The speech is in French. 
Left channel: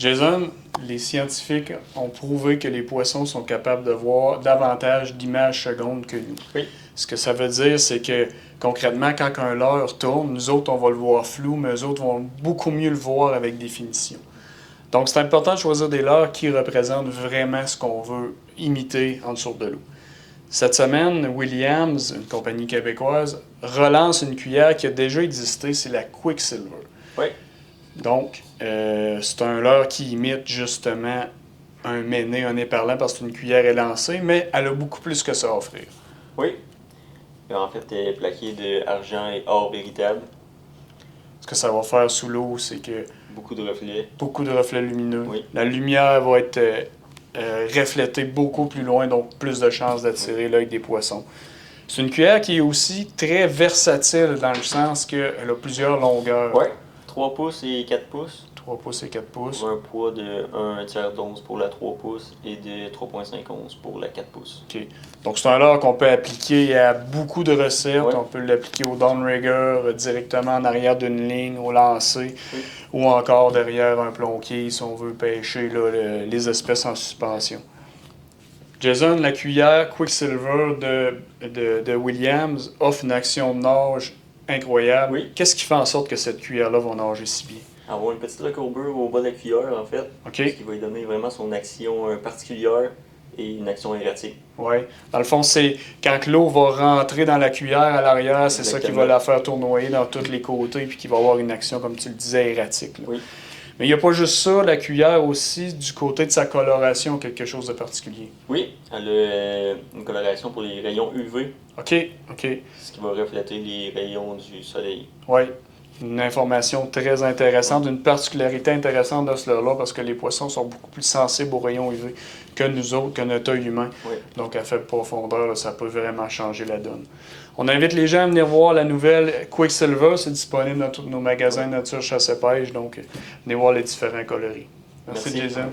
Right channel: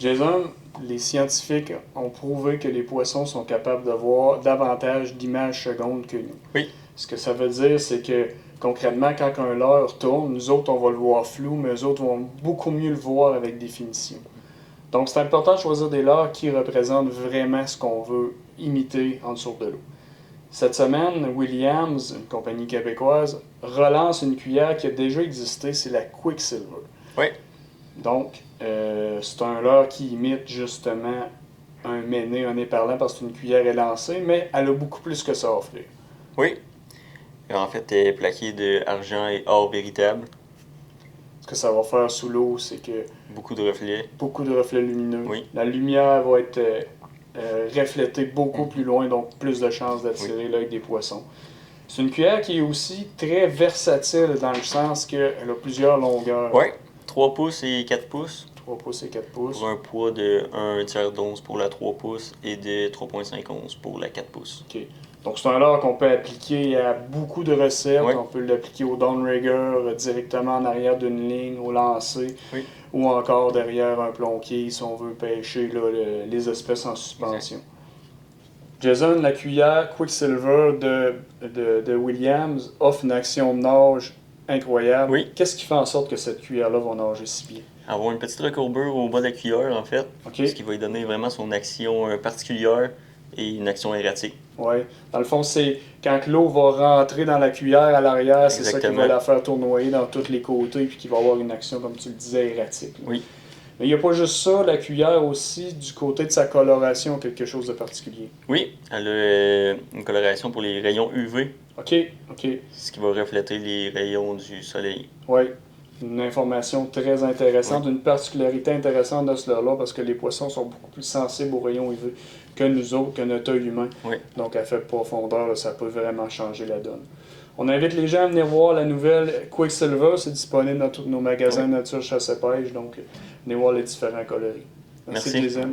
Jason, les scientifiques ont prouvé que les poissons sont capables de voir davantage d'images secondes que nous. Oui. Ce que ça veut dire, c'est que concrètement, quand un leurre tourne, nous autres, on va le voir flou, mais eux autres vont beaucoup mieux le voir avec définition. Donc, c'est important de choisir des leurres qui représentent vraiment ce qu'on veut imiter en dessous de l'eau. Cette semaine, Williams, une compagnie québécoise, relance une cuillère qui a déjà existé, c'est la Quicksilver. Oui. Donc, c'est un leurre qui imite justement un méné, un nez parlant, parce qu'une cuillère est lancée, mais elle a beaucoup plus que ça à offrir. Oui. En fait, elle est plaquée d'argent et or véritable. Ce que ça va faire sous l'eau, c'est que Beaucoup de reflets. beaucoup de reflets lumineux. Oui. La lumière va être reflétée beaucoup plus loin, donc plus de chances d'attirer l'œil des poissons. C'est une cuillère qui est aussi très versatile dans le sens qu'elle a plusieurs longueurs. Oui. 3 pouces et 4 pouces. 3 pouces et 4 pouces. Pour un poids de 1 tiers d'once pour la 3 pouces et de 3,5 onces pour la 4 pouces. OK. Donc, c'est un leurre qu'on peut appliquer à beaucoup de recettes. Oui. On peut l'appliquer au downrigger, directement en arrière d'une ligne, au lancer, Oui. ou encore derrière un plombier si on veut pêcher là, les espèces en suspension. Jason, la cuillère Quicksilver de Williams offre une action de nage incroyable. Oui. Qu'est-ce qui fait en sorte que cette cuillère-là va nager si bien? Avoir une petite recourbure au bas de la cuillère, en fait. OK. Ce qui va lui donner vraiment son action particulière et une action erratique. Oui. Dans le fond, c'est quand l'eau va rentrer dans la cuillère à l'arrière, c'est ça qui va Exactement. la faire tournoyer dans tous les côtés puis qui va avoir une action, comme tu le disais, erratique. Là. Oui. Mais il n'y a pas juste ça, la cuillère aussi, du côté de sa coloration, quelque chose de particulier. Oui, elle a une coloration pour les rayons UV, OK, OK. ce qui va refléter les rayons du soleil. Oui. Une information très intéressante, une particularité intéressante de ce leurre-là, parce que les poissons sont beaucoup plus sensibles aux rayons UV que nous autres, que notre œil humain. Oui. Donc, à faible profondeur, là, ça peut vraiment changer la donne. On invite les gens à venir voir la nouvelle Quicksilver. C'est disponible dans tous nos magasins nature, chasse et pêche. Donc, venez voir les différents coloris. Merci. Jason.